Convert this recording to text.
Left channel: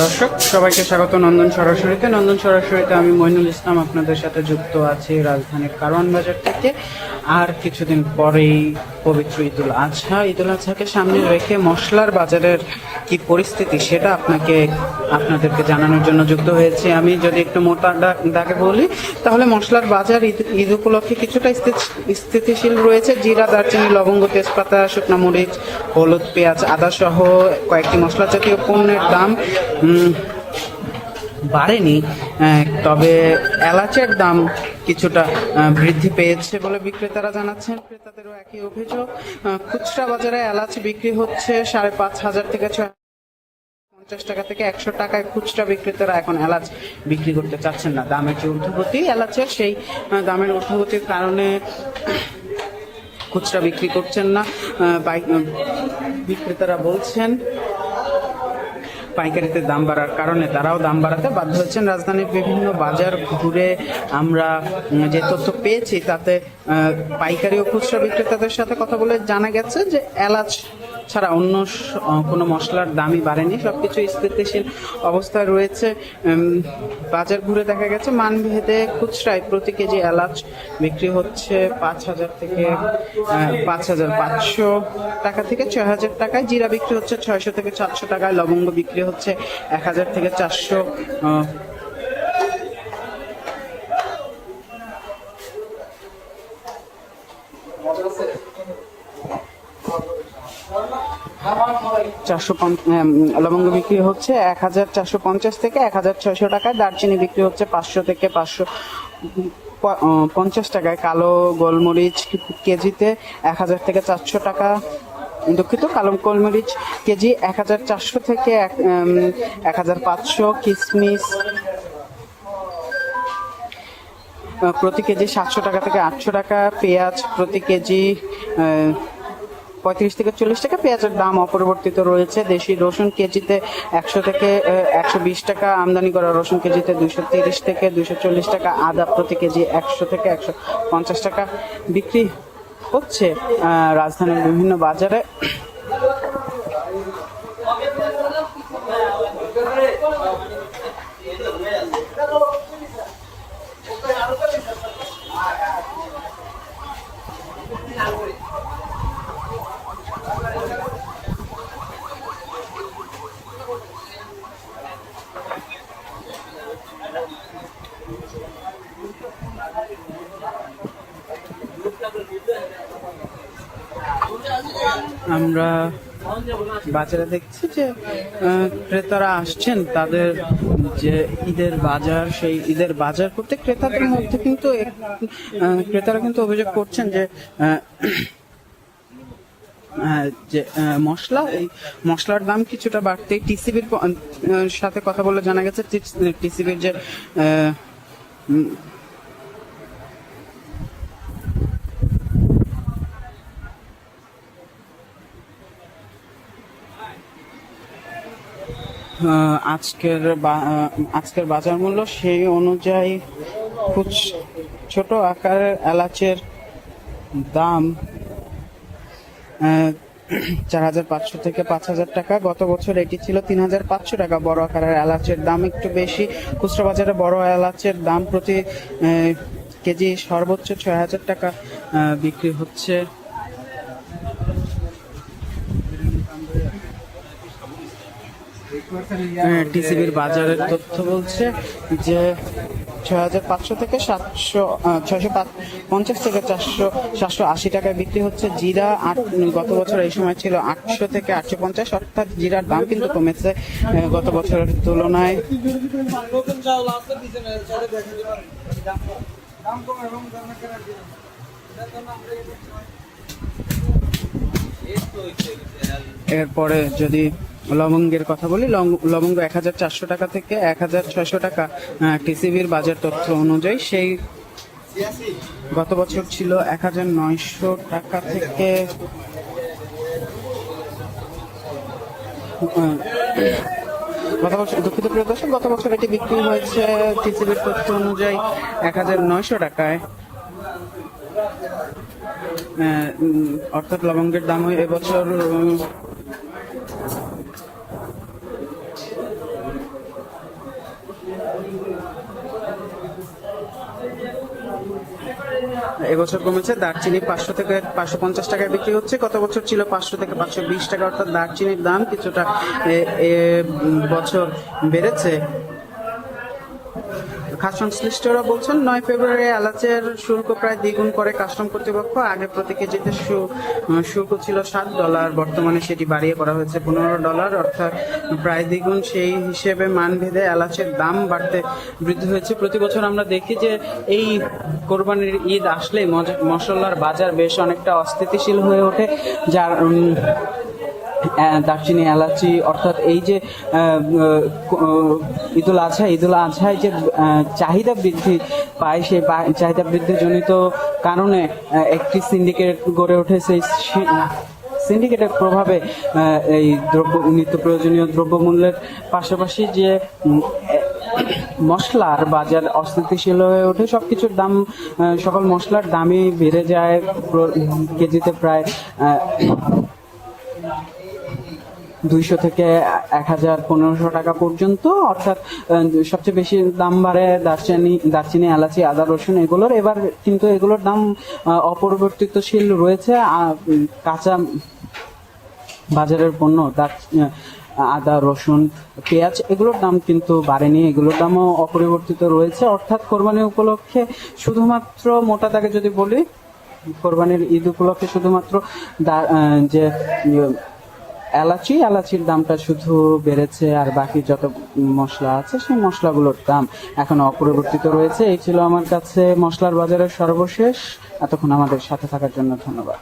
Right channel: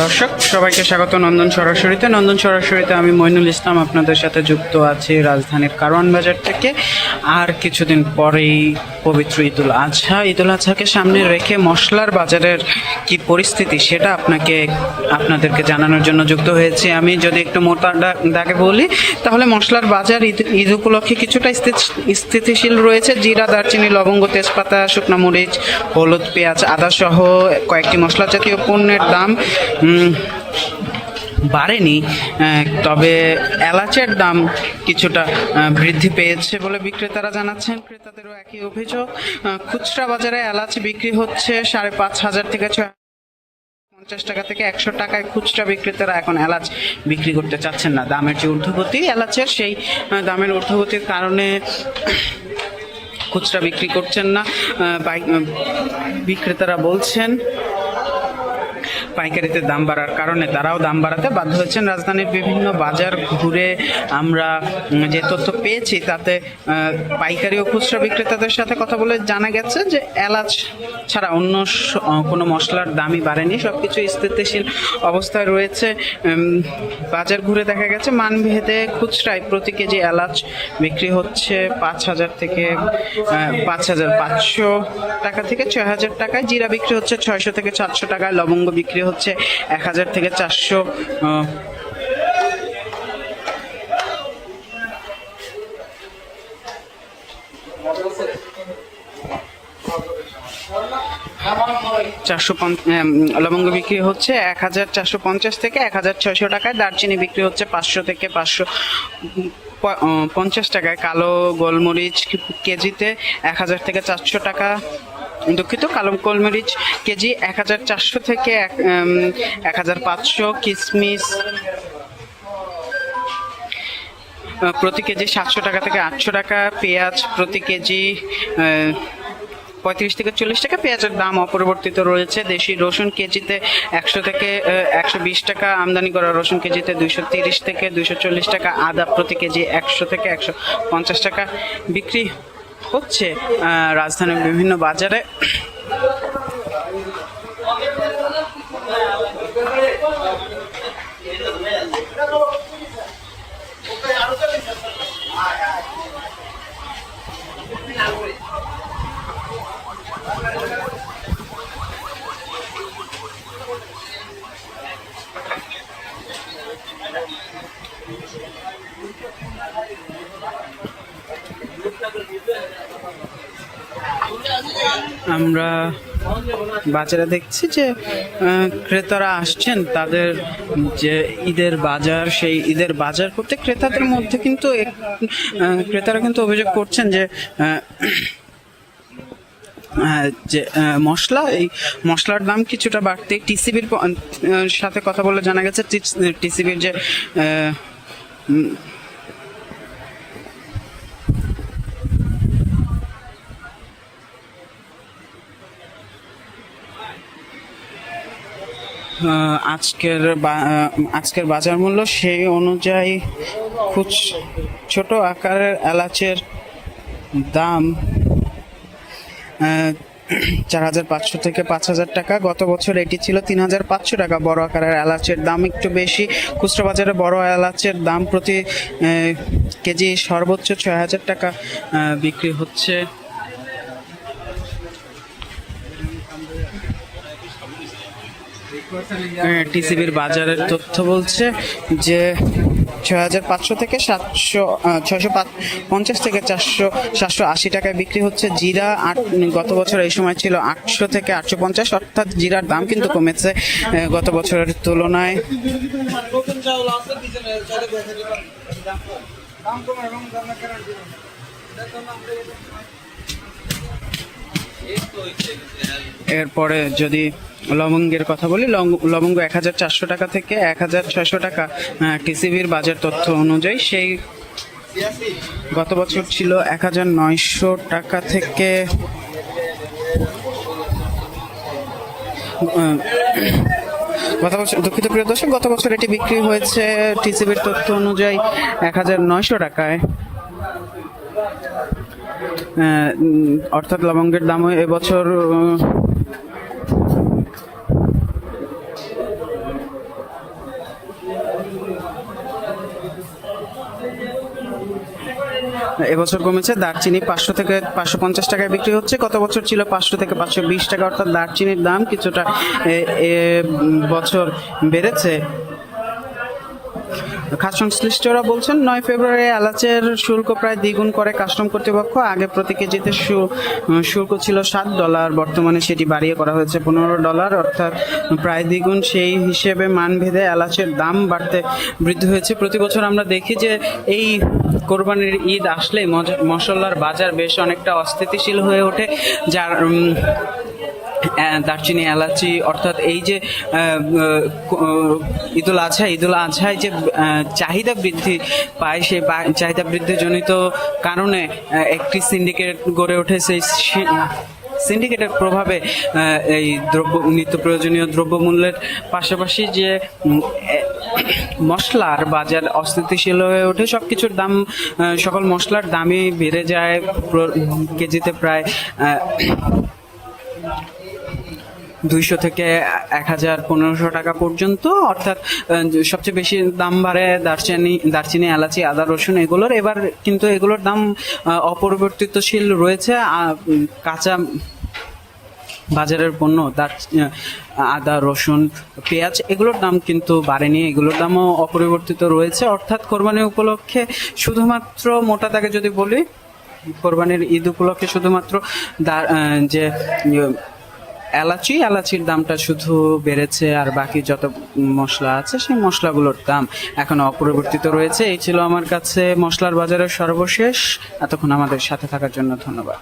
দর্শক সবাইকে স্বাগত নন্দন সরাসরিতে আমি মইনুল ইসলাম আপনাদের সাথে যুক্ত আছি রাজধানীর কারওয়ান বাজার থেকে। আর কিছুদিন পরেই পবিত্র ঈদুল আজহাকে সামনে রেখে মশলার বাজারের কি পরিস্থিতি সেটা আপনাদেরকে জানানোর জন্য যুক্ত হয়েছি। আমি যদি একটু মোটা দাগে বলি তাহলে মশলার বাজার ঈদ উপলক্ষে কিছুটা স্থিতিশীল রয়েছে। জিরা, দারচিনি, লবঙ্গ, তেজপাতা, শুকনো মরিচ, হলুদ, পেঁয়াজ, আদা সহ কয়েকটি মশলা জাতীয় পণ্যের দাম বাড়েনি, তবে এলাচের দাম কিছুটা বৃদ্ধি পেয়েছে বলে বিক্রেতারা জানাচ্ছেন। ক্রেতাদেরও একই অভিযোগ। খুচরা বাজারে এলাচ বিক্রি হচ্ছে 5,500 থেকে 650 টাকা থেকে 100 টাকায়। খুচরা বিক্রেতারা এখন এলাচ বিক্রি করতে চাচ্ছেন না। দামের যে ঊর্ধ্বগতি এলাচের, সেই দামের ঊর্ধ্বগতির কারণে খুচরা বিক্রি করছেন না। বিক্রেতারা বলছেন পাইকারিতে দাম বাড়ার কারণে তারাও দাম বাড়াতে বাধ্য হয়েছেন। রাজধানীর বিভিন্ন বাজার ঘুরে আমরা যে তথ্য পেয়েছি তাতে পাইকারি ও খুচরা বিক্রেতাদের সাথে কথা বলে জানা গেছে যে এলাচ ছাড়া অন্য কোনো মশলার দামই বাড়েনি, সবকিছু স্থিতিশীল অবস্থায় রয়েছে। বাজার ঘুরে দেখা গেছে মানভেদে খুচরায় প্রতি কেজি এলাচ বিক্রি হচ্ছে 5,000 থেকে 5,500 টাকা থেকে 6,000 টাকায়। জিরা বিক্রি হচ্ছে 600 থেকে 700 টাকায়। লবঙ্গ বিক্রি হচ্ছে 1,000 থেকে 400। লবঙ্গ বিক্রি হচ্ছে 1,450 থেকে 1,600 টাকায়। দারচিনি বিক্রি হচ্ছে 500 থেকে 550 টাকায়। কালো গোলমরিচ কেজিতে 1,000 থেকে 400 টাকা। দুঃখিত, কালো গোলমরিচ কেজি 1,400 থেকে 1,500। কিশমিশ প্রতি কেজি 700 টাকা থেকে 800 টাকা। পেঁয়াজ প্রতি কেজি 35 থেকে 40 টাকা। পেঁয়াজের দাম অপরিবর্তিত রয়েছে। দেশি রসুন কেজিতে 100 থেকে 120 টাকা। আমদানি করা রসুন কেজিতে 230 থেকে 240 টাকা। আদা প্রতি কেজি 100 থেকে 150 টাকা বিক্রি হচ্ছে রাজধানীর বিভিন্ন বাজারে। আমরা বাজারে দেখছি যে ক্রেতারা আসছেন, তাদের যে ঈদের বাজার, সেই ঈদের বাজার করতে ক্রেতাদের মধ্যে কিন্তু ক্রেতারা কিন্তু অভিযোগ করছেন যে এই মশলার দাম কিছুটা বাড়তে টিসিবির সাথে কথা বলে জানা গেছে টিসিবির যে আজকের বাজার মূল্য সেই অনুযায়ী ছোট আকারের এলাচের দাম 4,500 থেকে 5,000 টাকা। গত বছর এটি ছিল 3,500 টাকা। বড় আকারের এলাচের দাম একটু বেশি। খুচরা বাজারে বড় এলাচের দাম প্রতি কেজি সর্বোচ্চ 6,000 টাকা বিক্রি হচ্ছে। টিসিবির বাজারের তথ্য বলছে যে 6,500 থেকে 650 থেকে 780 টাকায় বিক্রি হচ্ছে। জিরা গত বছর এই সময় ছিল 800 থেকে 850, অর্থাৎ জিরার দাম কিন্তু কমেছে গত বছরের তুলনায়। এরপরে যদি লবঙ্গের কথা বলি, লবঙ্গ 1,400 টাকা থেকে 1,600 টাকা টিসিবির বাজার তথ্য অনুযায়ী। সেই গত বছর ছিল 1,900 টাকা থেকে দুঃখিত প্রিয় দর্শক, গত বছর এটি বিক্রি হয়েছে টিসিবির তথ্য অনুযায়ী 1,900 টাকায়। অর্থাৎ লবঙ্গের দামও এবছর এবছর কমেছে। দারচিনি 500 থেকে 550 টাকায় বিক্রি হচ্ছে, গত বছর ছিল 500 থেকে 520 টাকা, অর্থাৎ দারচিনির দাম কিছুটা বছর বেড়েছে। খাদ্য সংশ্লিষ্টরা বলছেন 9 ফেব্রুয়ারি এলাচের শুল্ক প্রায় দ্বিগুণ করে কাস্টম কর্তৃপক্ষ। আগে প্রতি কেজিতে শুল্ক ছিল $7, বর্তমানে সেটি বাড়িয়ে করা হয়েছে $15, অর্থাৎ প্রায় দ্বিগুণ। সেই হিসেবে মানভেদে এলাচের দাম বৃদ্ধি হয়েছে। প্রতি বছর আমরা দেখি যে এই কোরবানির ঈদ আসলেই মশলার বাজার বেশ অনেকটা অস্থিতিশীল হয়ে ওঠে, যার দারচিনি, এলাচি, অর্থাৎ এই যে ঈদুল আজহায় যে চাহিদা বৃদ্ধি পায়, সেই চাহিদা বৃদ্ধিজনিত কারণে একটি সিন্ডিকেট গড়ে ওঠে। সেই সিন্ডিকেটের প্রভাবে এই নিত্য প্রয়োজনীয় দ্রব্যমূল্যের পাশাপাশি যে মশলার বাজার অস্থিতিশীল হয়ে ওঠে। সবকিছুর দাম, সকল মশলার দামই বেড়ে যায় কেজিতে প্রায় 200 থেকে 1000-1500 টাকা পর্যন্ত। অর্থাৎ সবচেয়ে বেশি দাম বাড়ে দারচিনি, এলাচি, আদা, রসুন এগুলোর। এবার কিন্তু এগুলোর দাম অপরিবর্তিতশীল রয়েছে। কাঁচা বাজারের পণ্য আদা, রসুন, পেঁয়াজ এগুলোর দাম কিন্তু বাড়েনি, এগুলোর দামও অপরিবর্তিত রয়েছে। অর্থাৎ কোরবানি উপলক্ষে শুধুমাত্র মোটা দাগে যদি বলি, কোরবানির ঈদ উপলক্ষে শুধুমাত্র যে এলাচির দামটা শুধু বেড়েছে, আর বাকি যত মশলা আছে সেই মশলাগুলোর দাম এখনো অপরিবর্তিত রয়েছে। এই ছিল আমার কাছে মশলার বাজারের সর্বশেষ। এতক্ষণ আমাদের সাথে থাকার জন্য ধন্যবাদ।